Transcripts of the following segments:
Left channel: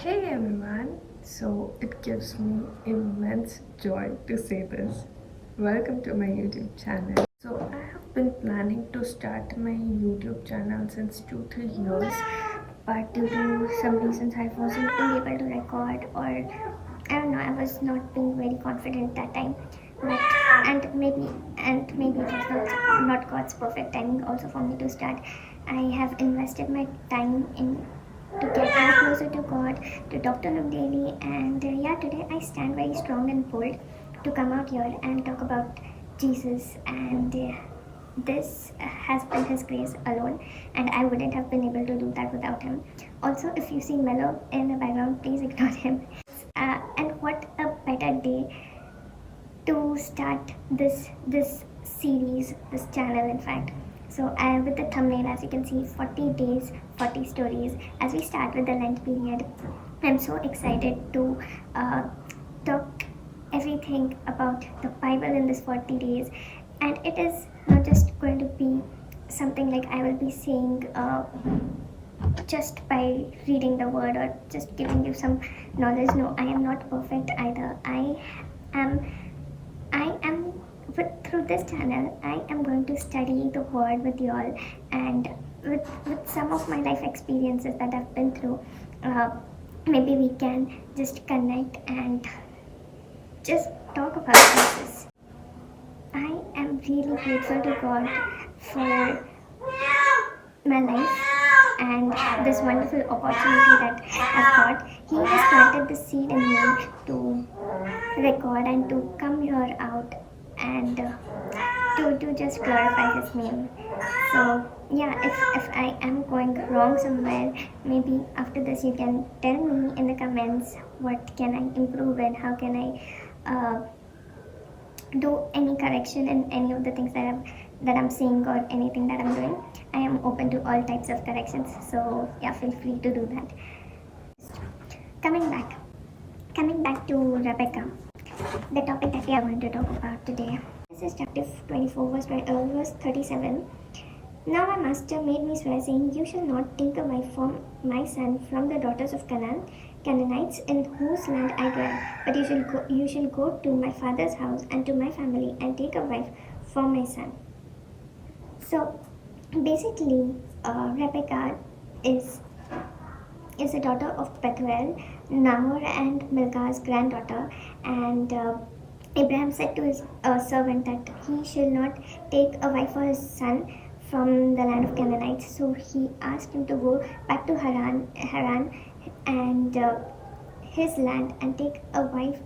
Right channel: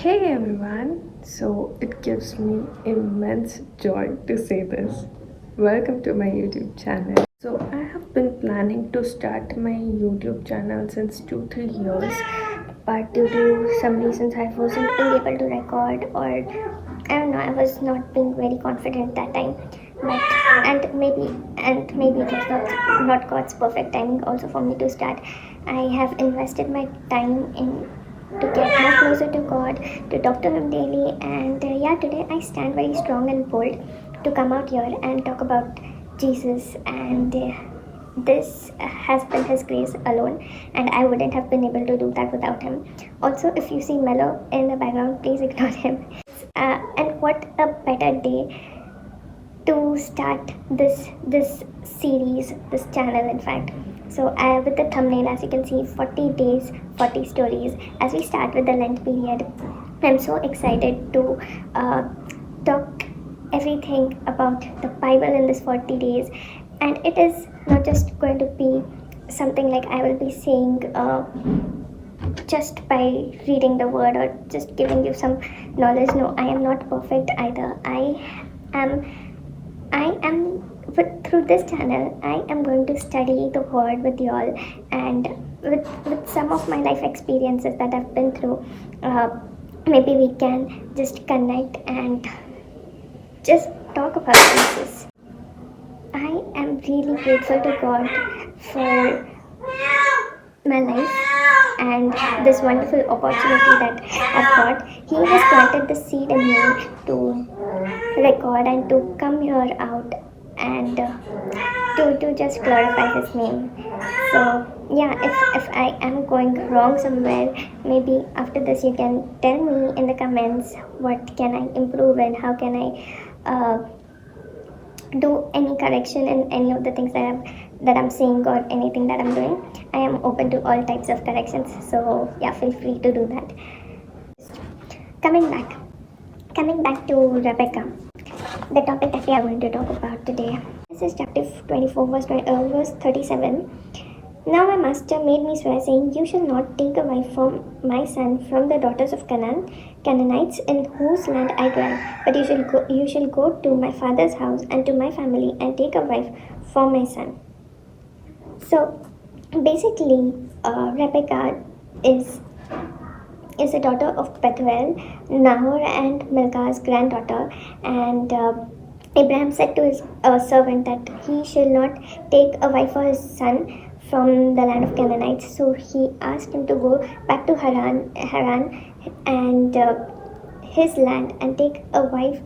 Hey everyone, so it gives me immense joy to say this. Welcome to my YouTube channel. So, I have been planning to start my YouTube channel since 2 3 years, but due to some reasons, I wasn't being able to record, or I don't know, I was not being very confident that time. But and maybe it was not God's perfect timing also for me to start. I have invested my time in to get more closer to God, to talk to Him daily. And yeah, today I stand very strong and bold to come out here and talk about Jesus. And this has been His grace alone, and I wouldn't have been able to do that without Him. Also, if you see Mello in the background, please ignore him. And what a better day to start this series, this channel, in fact. So, with the thumbnail, as you can see, 40 days, 40 stories. As we start with the Lent period, I'm so excited to talk everything about the Bible in this 40 days. And it is not just going to be something like I will be saying just by reading the word or just giving you some knowledge. No, I am not perfect either. Am through this channel, I am going to study the word with y'all, and with some of my life experiences that I've been through. Maybe we can just connect and just talk about Jesus. I am really grateful to God for my life and this wonderful opportunity that I've got. He has planted the seed in me to record and to come here out and to just glorify His name. So yeah, if I am going wrong somewhere, maybe after this you can tell me in the comments what can I improve and how can I do any correction in any of the things that I'm saying or anything that I'm doing. I am open to all types of corrections, so yeah, feel free to do that. Coming back to Rebekah, the topic that we are going to talk about today. This is chapter 24, verse 37. Now my master made me swear, saying, "You shall not take a wife for my son from the daughters of Canaanites in whose land I dwell, but you shall go to my father's house and to my family and take a wife for my son." So basically, Rebekah is a daughter of Bethuel, Nahor and Milcah's granddaughter, and Abraham said to his servant that he shall not take a wife for his son from the land of Canaanites. So he asked him to go back to Haran and his land and take a wife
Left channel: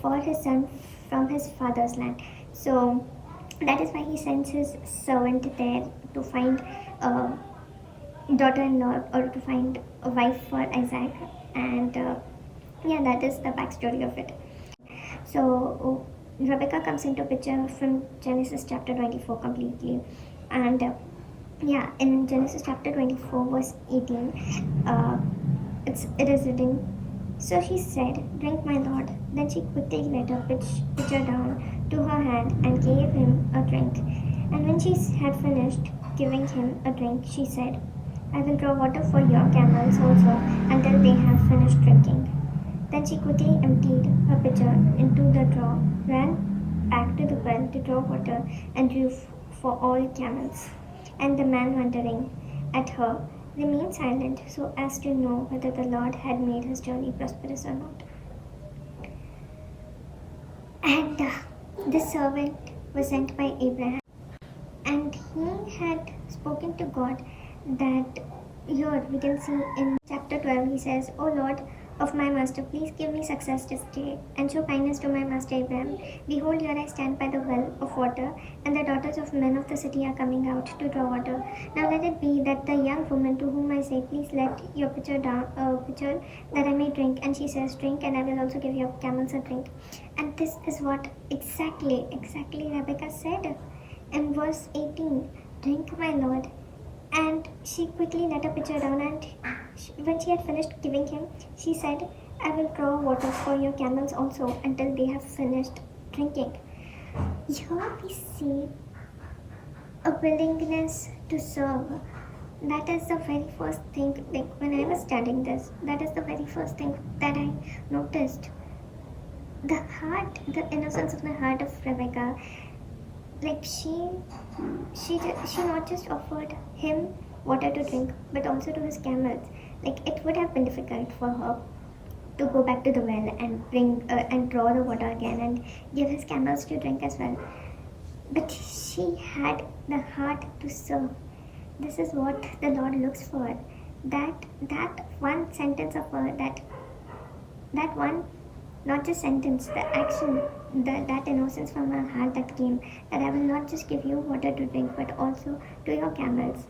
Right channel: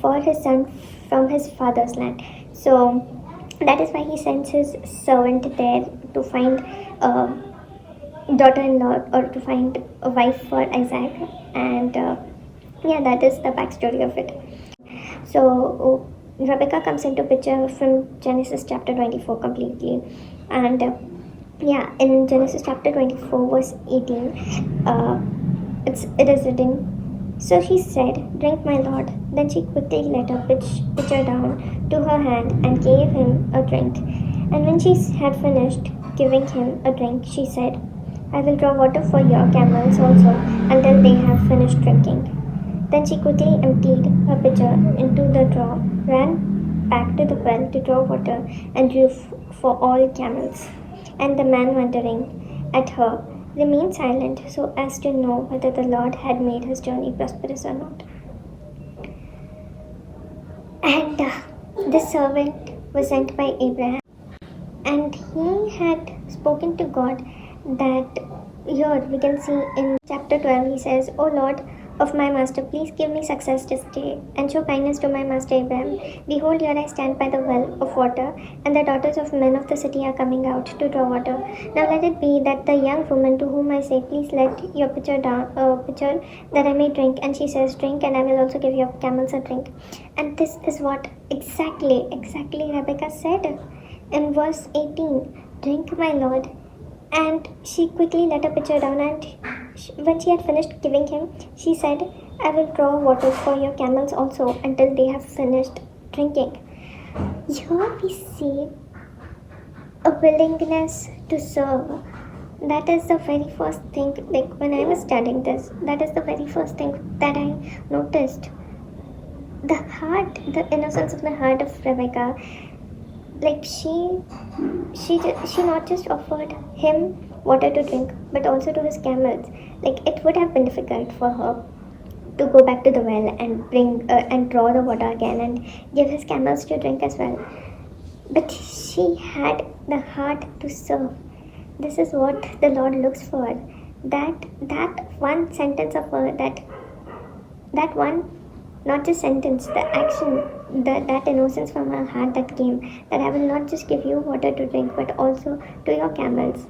for his son from his father's land. So that is why he sends his servant there to find a daughter-in-law or to find a wife for Isaac. And yeah, that is the backstory of it. So Rebecca comes into picture from Genesis chapter 24 completely. And yeah, in Genesis chapter 24 verse 18, it is written, "So she said, 'Drink, my lord.' Then she quickly let her pitcher down to her hand and gave him a drink. And when she had finished giving him a drink, she said, 'I will draw water for your camels also until they have finished drinking.' Then she quickly emptied her pitcher into the draw, ran back to the well to draw water, and drew for all camels. And the man, wondering at her, remained silent so as to know whether the Lord had made his journey prosperous or not." And this servant was sent by Abraham, and he had spoken to God that here we can see in chapter 12 he says, "O Lord of my master, please give me success this day, and show kindness to my master Abraham. Behold, here I stand by the well of water, and the daughters of men of the city are coming out to draw water. Now let it be that the young woman to whom I say, 'Please let your pitcher down, pitcher, that I may drink,' and she says, 'Drink, and I will also give your camels a drink.'" And this is what exactly Rebecca said in verse 18, "Drink, my lord." And she quickly let her pitcher down, and when she had finished giving him, she said, "I will draw water for your camels also until they have finished drinking." Here we see a willingness to serve, That is the very first thing, like when I was studying this, that is the very first thing that I noticed. The heart, the innocence of the heart of Rebecca. Like she not just offered him water to drink, but also to his camels. Like it would have been difficult for her to go back to the well and bring and draw the water again and give his camels to drink as well. But she had the heart to serve. This is what the Lord looks for. That one sentence of her, that one, not just sentence, the action, that innocence from her heart that came, that I will not just give you water to drink, but also to your camels.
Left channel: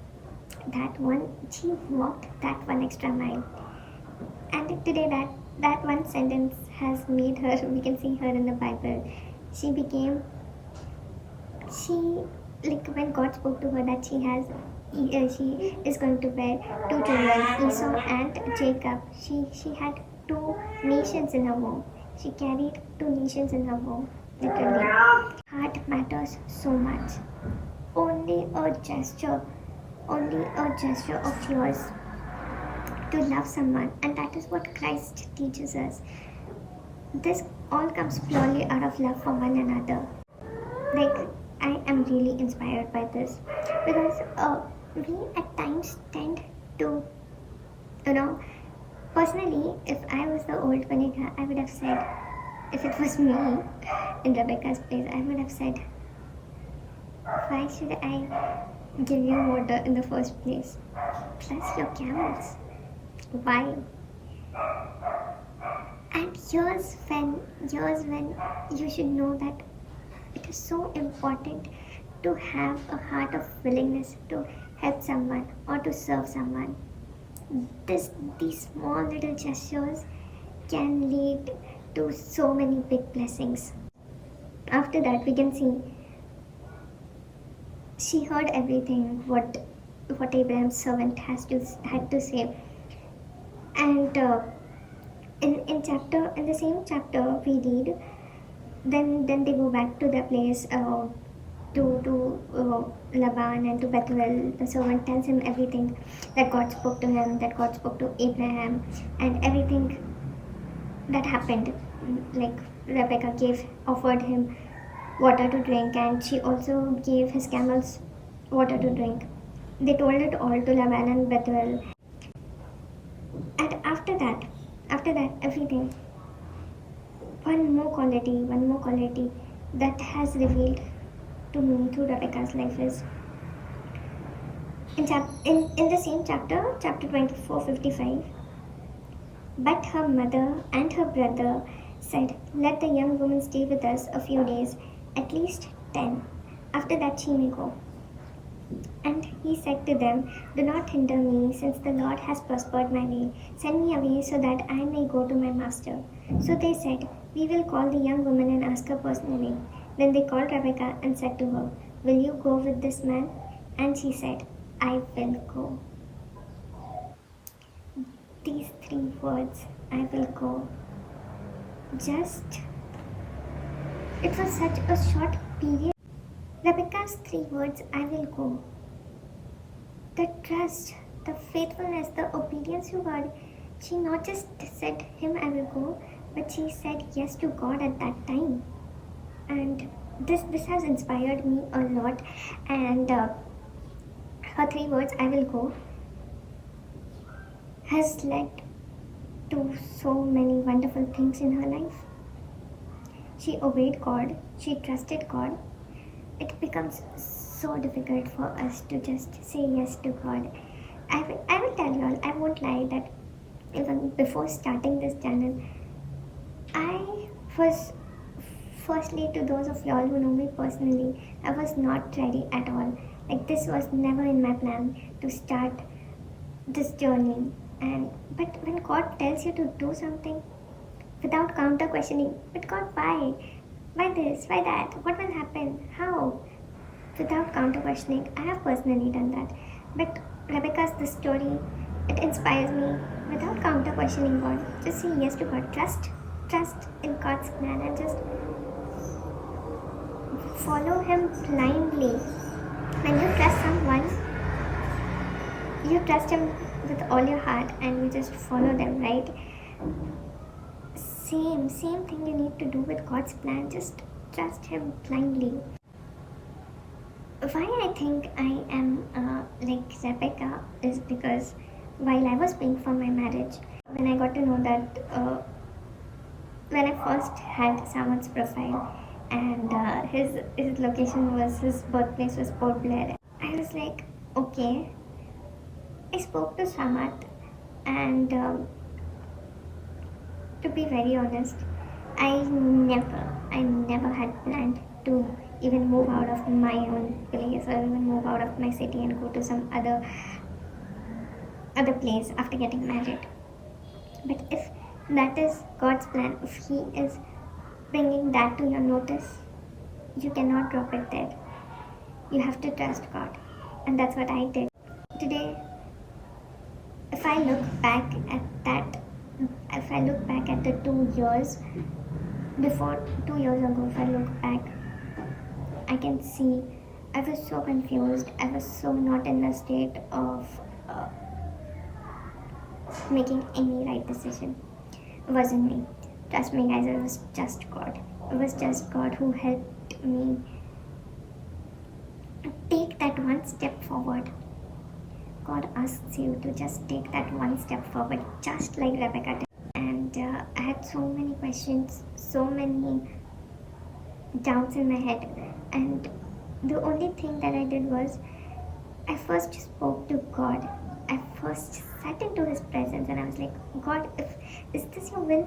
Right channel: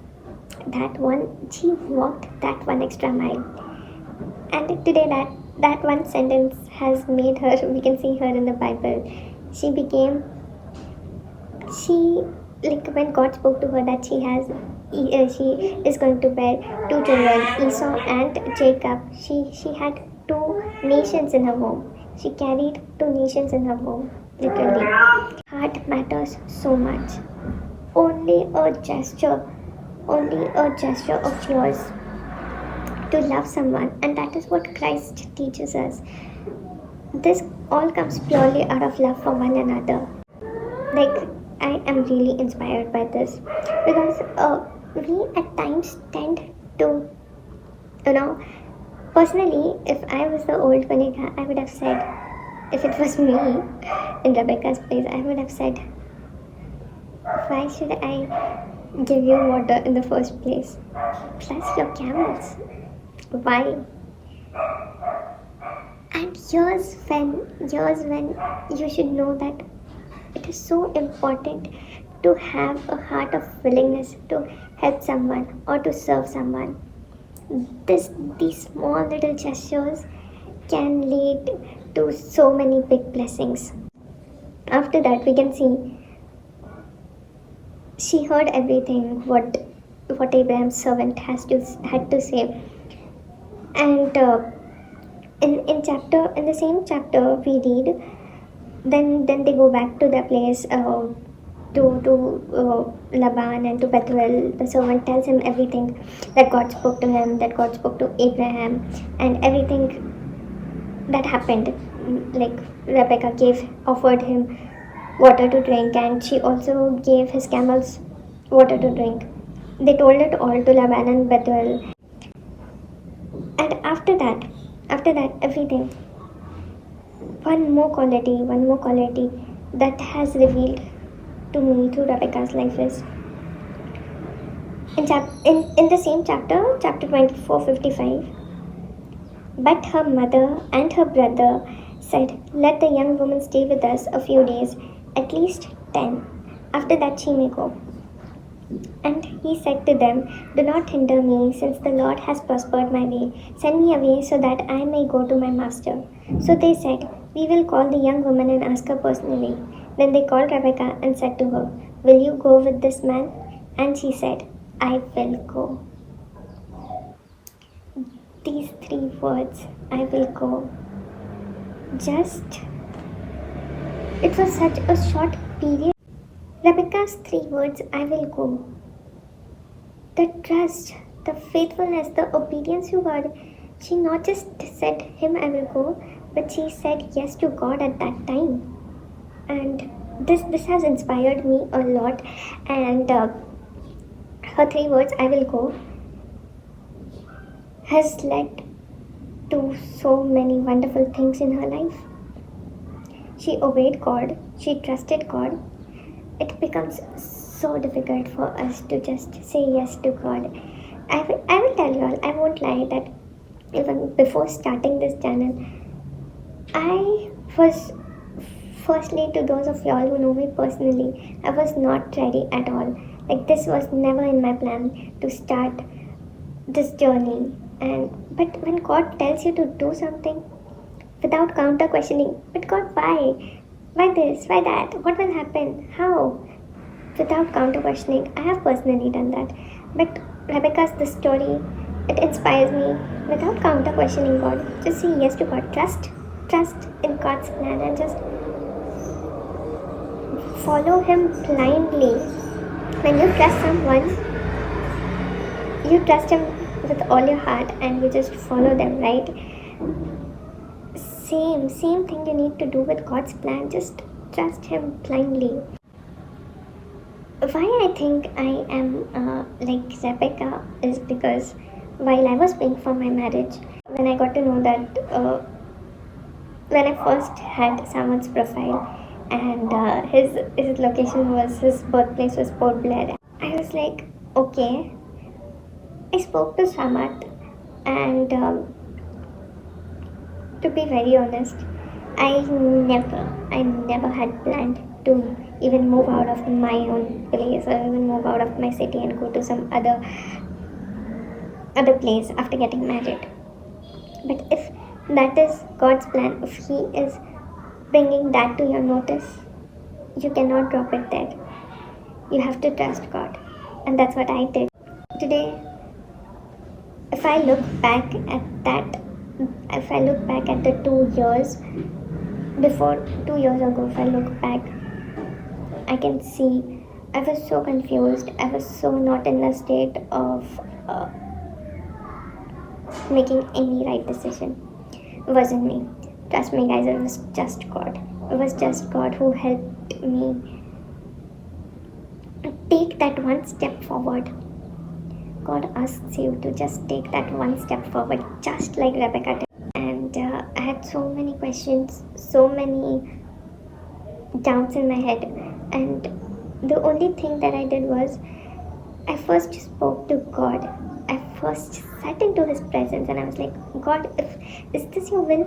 That one, she walked that one extra mile. And today, that one sentence has made her, we can see her in the Bible. She became, she, like when God spoke to her that she is going to bear two children, Esau and Jacob. She had two nations in her womb. She carried two nations in her womb, literally. Heart matters so much. Only a gesture, only a gesture of yours to love someone, and that is what Christ teaches us. This all comes purely out of love for one another. Like, I am really inspired by this because we at times tend to, you know, personally, if I was the old Vanika, I would have said, if it was me in Rebecca's place, I would have said, why should I give you water in the first place? Plus your camels. Why? And here's when you should know that it is so important to have a heart of willingness to help someone or to serve someone. These small little gestures can lead to so many big blessings. After that, we can see she heard everything what Abraham's servant had to say, and in the same chapter we read, then they go back to their place, to Laban and to Bethuel. The servant tells him everything that God spoke to him, that God spoke to Abraham, and everything that happened. Like Rebecca offered him water to drink, and she also gave his camels water to drink. They told it all to Laban and Bethuel, and after that, everything. One more quality that has revealed to me through Rebecca's life is in the same chapter 24:55. But her mother and her brother said, let the young woman stay with us a few days, at least 10. After that she may go. And he said to them, do not hinder me, since the Lord has prospered my way. Send me away so that I may go to my master. So they said, we will call the young woman and ask her personally. Then they called Rebekah and said to her, will you go with this man? And she said, I will go. These three words, I will go. It was such a short period. Rebecca's three words, I will go. The trust, the faithfulness, the obedience to God. She not just said him, I will go, but she said yes to God at that time. And this has inspired me a lot. And her three words, I will go, has led to so many wonderful things in her life. She obeyed God, she trusted God. It becomes so difficult for us to just say yes to God. I will tell you all, I won't lie, that even before starting this channel, I was, firstly, to those of y'all who know me personally, I was not ready at all. Like, this was never in my plan to start this journey. But when God tells you to do something without counter questioning, but God, why? Why this? Why that? What will happen? How? Without counter questioning, I have personally done that. But Rebecca's the story, it inspires me. Without counter questioning God, just say yes to God. Trust in God's plan and just follow Him blindly. When you trust someone, you trust him with all your heart and you just follow them, right? Same thing you need to do with God's plan. Just trust him blindly. Why I think I am like Rebecca is because while I was praying for my marriage, when I got to know that when I first had Samad's profile and his location was, his birthplace was Port Blair, I was like, okay. I spoke to Samad, and to be very honest, I never had planned to even move out of my own place or even move out of my city and go to some other place after getting married. But if that is God's plan, if He is bringing that to your notice, you cannot drop it there. You have to trust God, and that's what I did. Today, if I look back at the 2 years before, 2 years ago, if I look back, I can see I was so confused. I was so not in a state of making any right decision. It wasn't me. Trust me, guys, it was just God. It was just God who helped me take that one step forward. God asks you to just take that one step forward, just like Rebecca did. And I had so many questions, so many doubts in my head. And the only thing that I did was, I first spoke to God. I first sat into His presence and I was like, God, is this your will?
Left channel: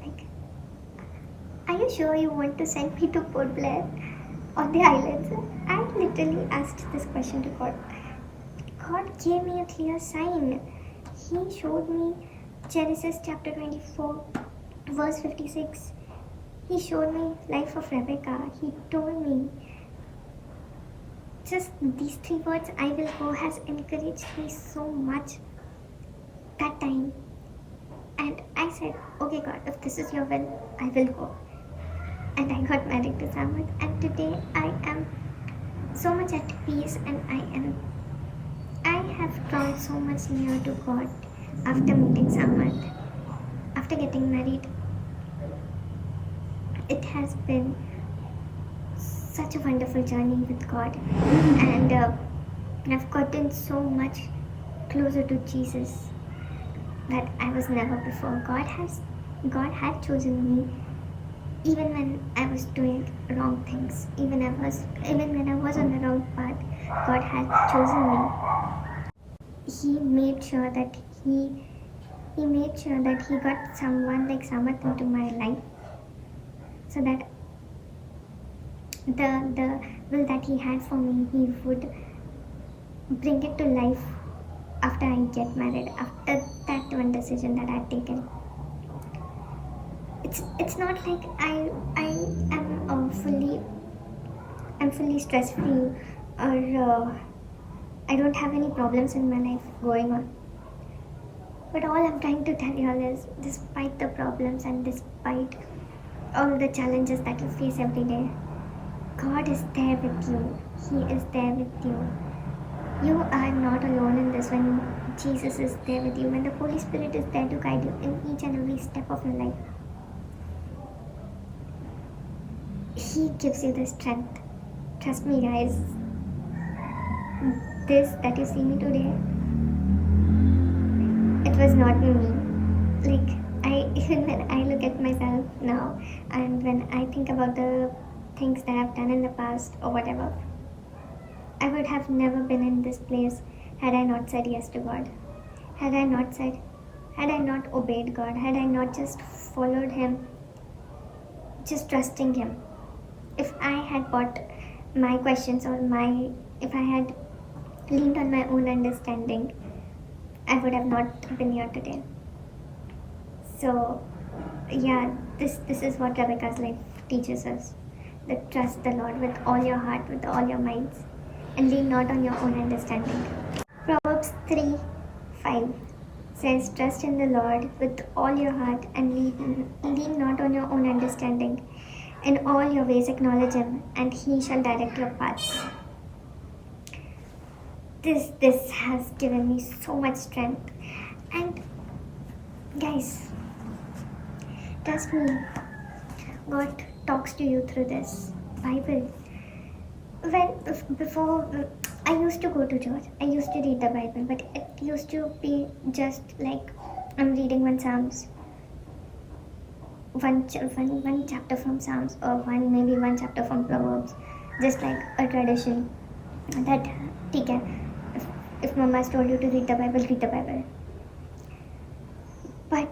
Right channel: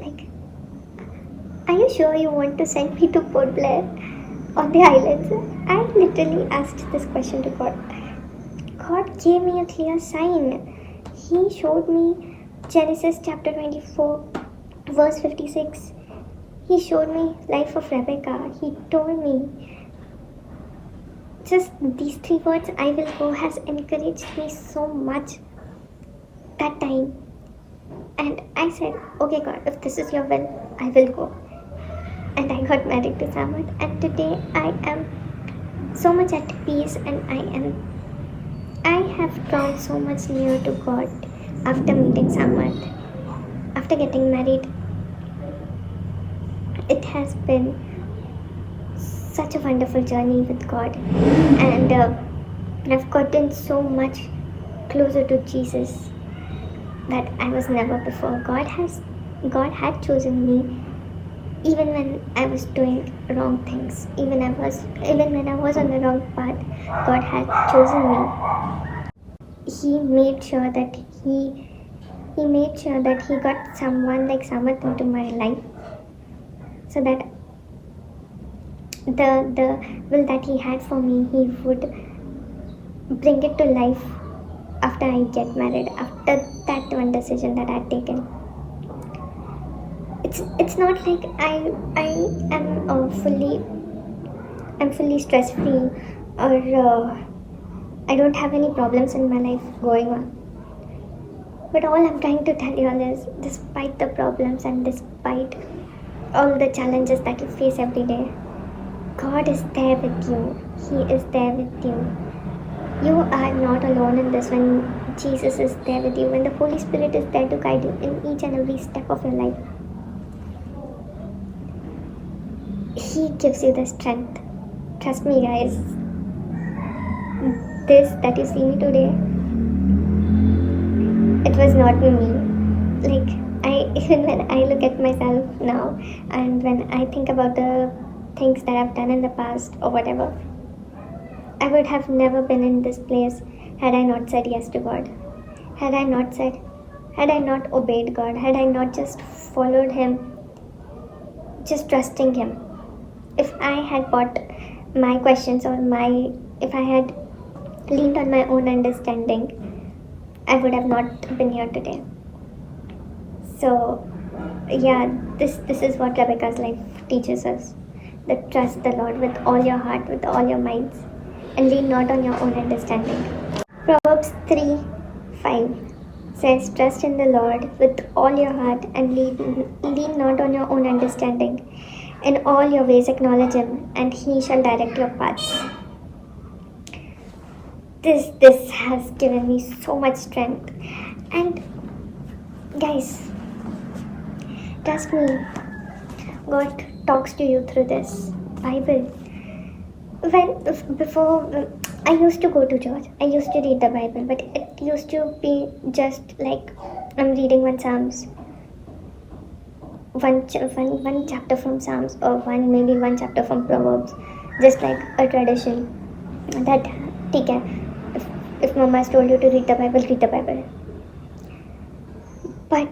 Like, are you sure you want to send me to Port Blair on the islands? I literally asked this question to God. God gave me a clear sign. He showed me Genesis chapter 24, verse 56. He showed me life of Rebekah. He told me, just these 3 words, I will go, has encouraged me so much that time. And I said, okay God, if this is your will, I will go. And I got married to Samad. And today I am so much at peace, and I have drawn so much near to God after meeting Samad, after getting married. It has been such a wonderful journey with God, and I've gotten so much closer to Jesus that I was never before. God had chosen me even when I was doing wrong things, even when I was on the wrong path. God had chosen me. He made sure that he got someone like Samat into my life, so that the will that he had for me, he would bring it to life after I get married, after that one decision that I had taken. It's not like I am fully stress free, or I don't have any problems in my life going on. But all I'm trying to tell you all is, despite the problems and despite all the challenges that you face every day, God is there with you. He is there with you. You are not alone in this when Jesus is there with you, when the Holy Spirit is there to guide you in each and every step of your life. He gives you the strength. Trust me, guys. This that you see me today, it was not me. Like, even when I look at myself now, and when I think about the things that I've done in the past or whatever, I would have never been in this place had I not said yes to God. Had I not obeyed God, had I not just followed Him, just trusting Him. If I had bought my questions, or if I had leaned on my own understanding, I would have not been here today. So yeah, this is what Rebecca's life teaches us. That trust the Lord with all your heart, with all your minds, and lean not on your own understanding. Proverbs 3:5 says, trust in the Lord with all your heart and lean not on your own understanding. In all your ways acknowledge Him, and He shall direct your paths. this has given me so much strength. And guys, trust me, God talks to you through this Bible. Before I used to go to church, I used to read the Bible, but it used to be just like I'm reading one chapter from Psalms, or maybe one chapter from Proverbs, just like a tradition. That ठीक है, if Mama has told you to read the Bible, read the Bible. But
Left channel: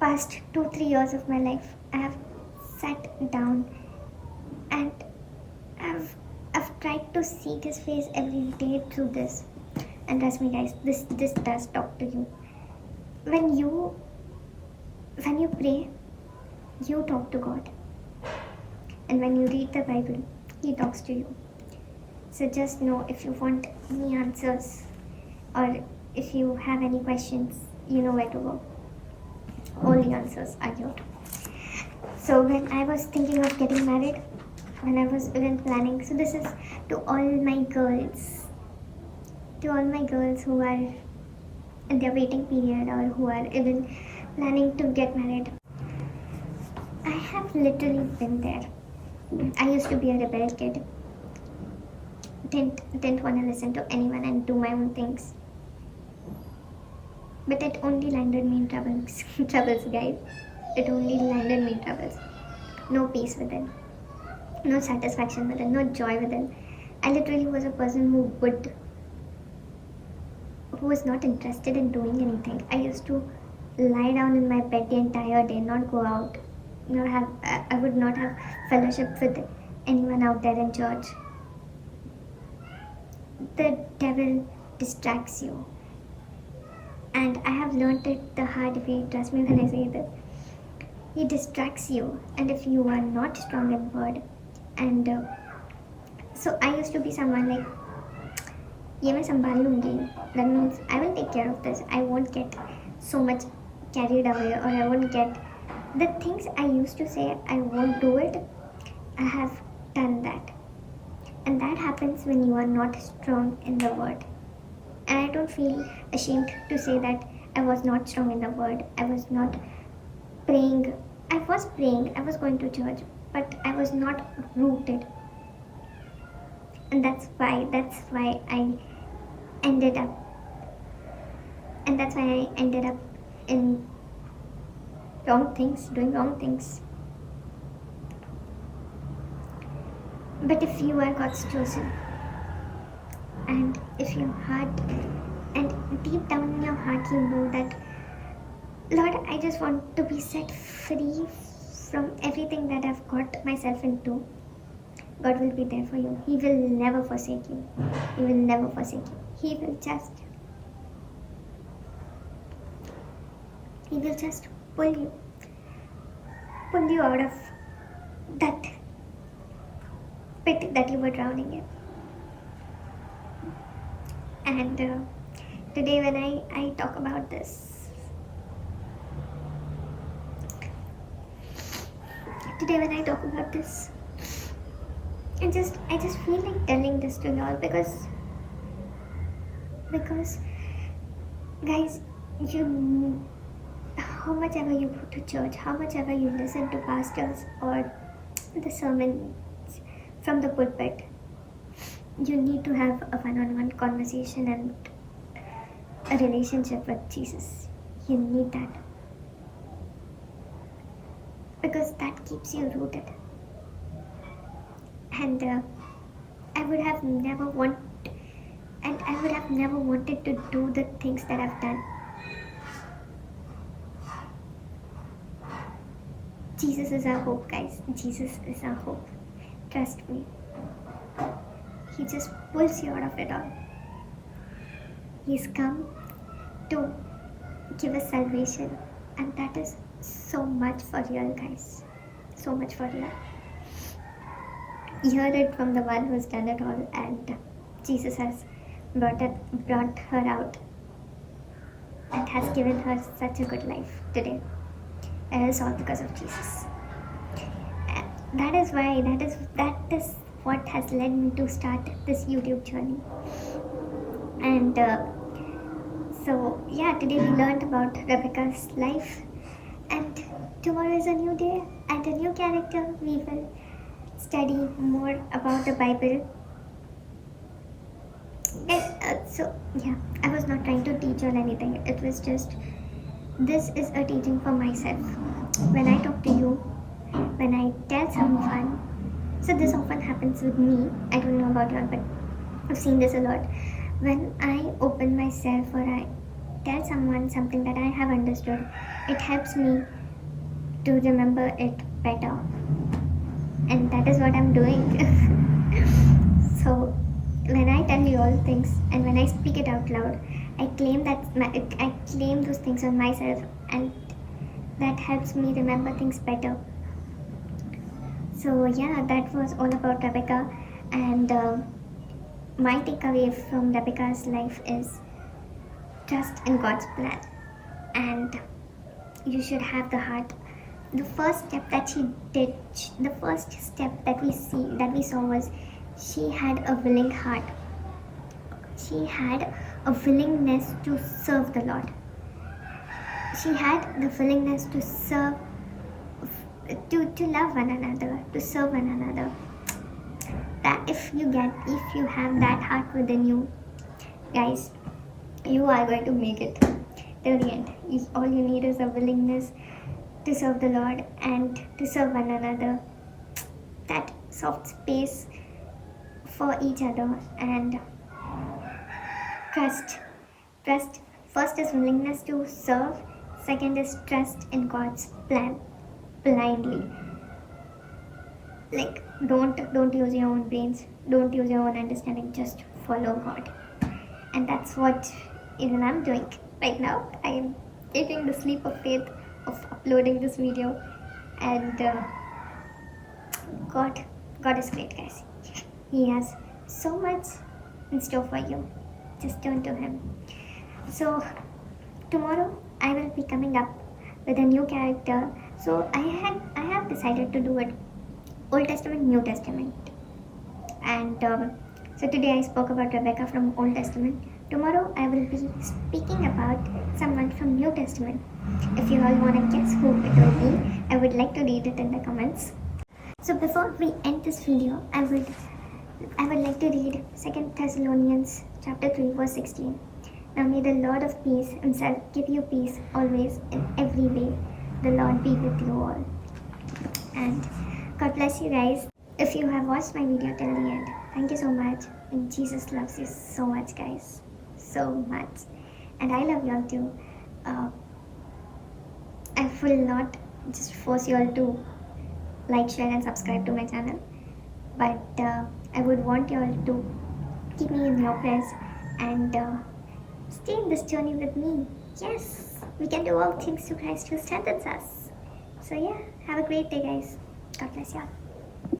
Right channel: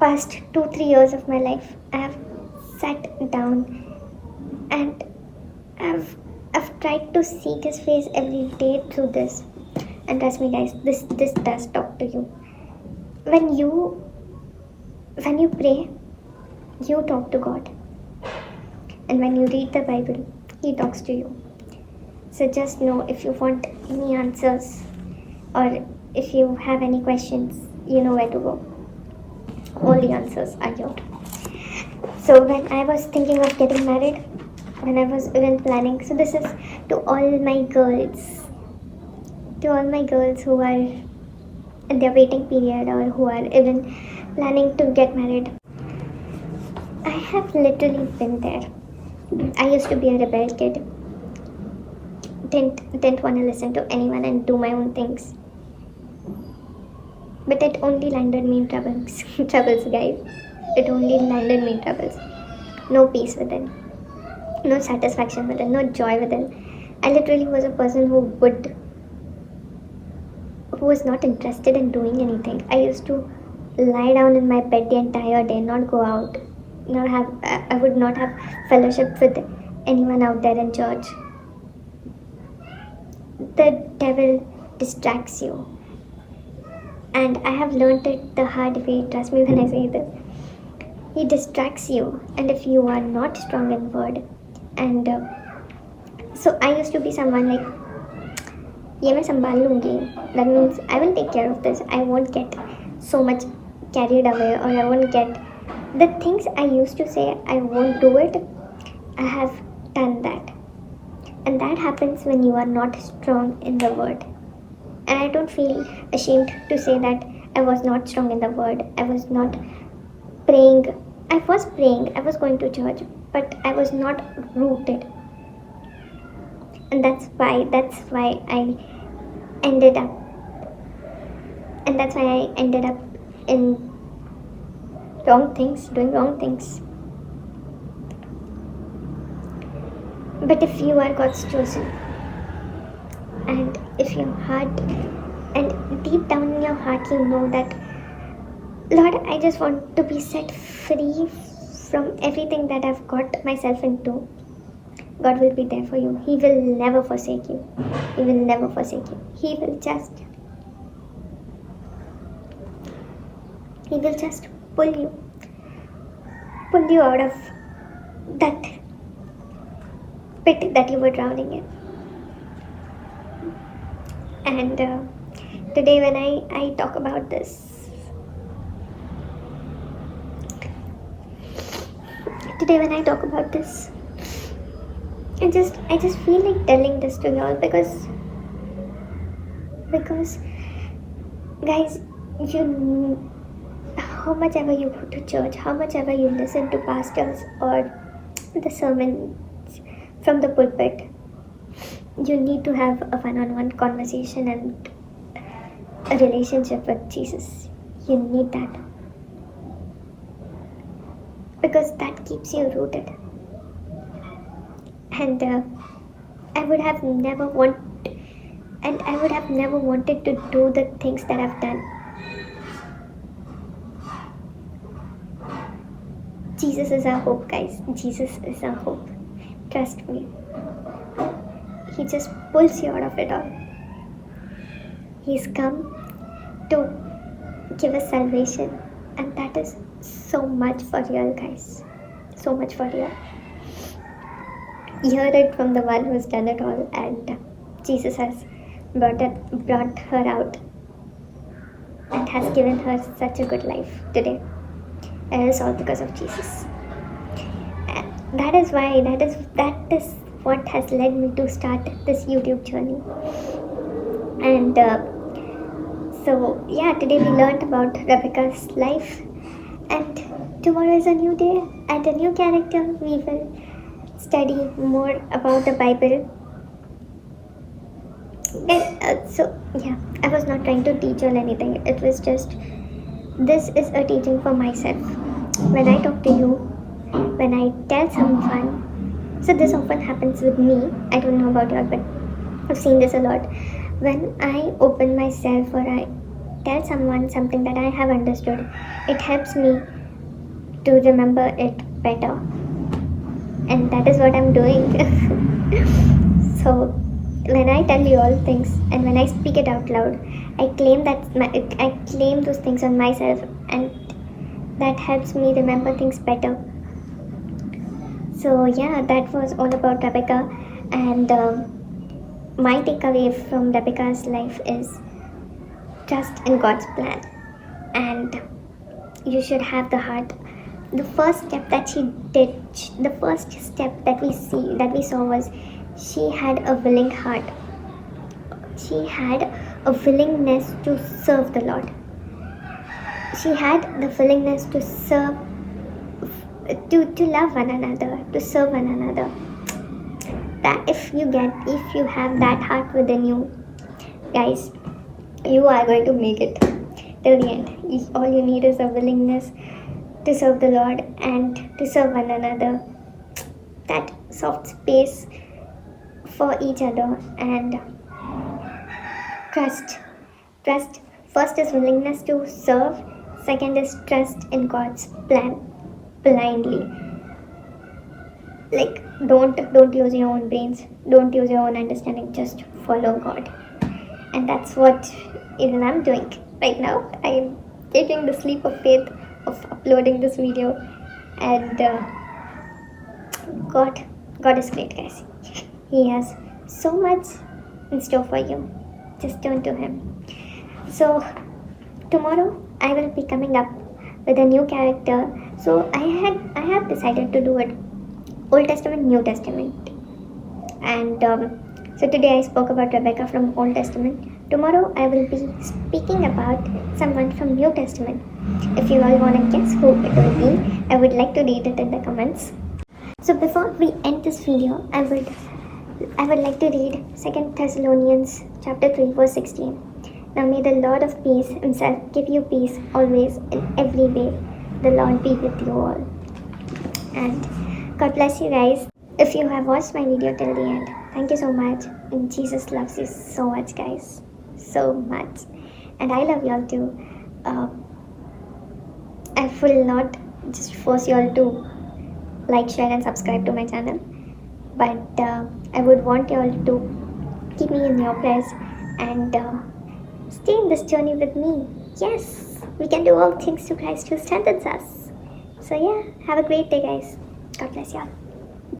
past 2-3 years of my life, I have sat down and I've tried to seek His face every day through this. And trust me, guys, this does talk to you. When you pray, you talk to God, and when you read the Bible, He talks to you. So just know, if you want any answers, or if you have any questions, you know where to go. All the answers are here. So when I was thinking of getting married, when I was even planning, so this is to all my girls who are in their waiting period, or who are even planning to get married. I have literally been there. I used to be a rebel kid. Didn't want to listen to anyone and do my own things. But it only landed me in troubles, guys. It only landed me in troubles. No peace within, no satisfaction within, no joy within. I literally was a person who was not interested in doing anything. I used to lie down in my bed the entire day, not go out, I would not have fellowship with anyone out there in church. The devil distracts you, and I have learned it the hard way. Trust me when I say this. He distracts you, and if you are not strong in word, and so I used to be someone like, ये मैं संभाल लूँगी. That means I will take care of this. I won't get so much carried away, or I won't get the things I used to say I won't do it. I have done that, and that happens when you are not strong in the word. And I don't feel ashamed to say that I was not strong in the word. I was not praying. I was praying. I was going to church, but I was not rooted. And that's why I ended up in wrong things, doing wrong things. But if you are God's chosen, and if your heart, and deep down in your heart you know that, Lord, I just want to be set free from everything that I've got myself into, God will be there for you. He will never forsake you. He will never forsake you. He will just pull you out of that pit that you were drowning in. And today when I talk about this, I just feel like telling this to y'all because guys, how much ever you go to church, how much ever you listen to pastors or the sermons from the pulpit, you need to have a one-on-one conversation and a relationship with Jesus. You need that, because that keeps you rooted. And I would have never wanted to do the things that I've done. Jesus is our hope, guys. Jesus is our hope. Trust me. He just pulls you out of it all. He's come to give us salvation, and that is so much for real, guys. So much for real. Hear it from the one who's done it all, and Jesus has brought her out and has given her such a good life today. And it's all because of Jesus. And that is what has led me to start this YouTube journey. And so, yeah, today we learned about Rebecca's life, and tomorrow is a new day and a new character. We will study more about the Bible. And so, yeah, I was not trying to teach or anything, it was just this is a teaching for myself. When I talk to you, when I tell someone, so this often happens with me. I don't know about y'all, but I've seen this a lot. When I open myself or I tell someone something that I have understood, it helps me to remember it better. And that is what I'm doing. So when I tell you all things and when I speak it out loud, I claim I claim those things on myself, and that helps me remember things better. So yeah, that was all about Rebecca, and my takeaway from Rebecca's life is trust in God's plan, and you should have the heart. The first step that she did, the first step that we saw was she had a willing heart. She had a willingness to serve the Lord. She had the willingness to serve, to love one another, to serve one another. That if you have that heart within you, guys, you are going to make it till the end. All you need is a willingness to serve the Lord and to serve one another. That soft space for each other, and trust. First is willingness to serve. Second is trust in God's plan blindly. Like don't use your own brains. Don't use your own understanding. Just follow God. And that's what even I'm doing right now. I am taking the leap of faith of uploading this video, and God is great, guys. He has so much in store for you. Just turn to Him. So tomorrow I will be coming up with a new character. So I have decided to do it Old Testament, New Testament, and so today I spoke about Rebecca from Old Testament. Tomorrow I will be speaking about someone from New Testament. If you all want to guess who it will be, I would like to read it in the comments. So before we end this video, I would like to read 2 Thessalonians chapter 3 verse 16. Now may the Lord of peace Himself give you peace always in every way. The Lord be with you all. And God bless you guys. If you have watched my video till the end, thank you so much. And Jesus loves you so much, guys. So much. And I love y'all too. I will not just force y'all to like, share and subscribe to my channel. But I would want y'all to keep me in your prayers and stay in this journey with me. Yes, we can do all things through Christ who strengthens us. So yeah, have a great day, guys. God bless y'all.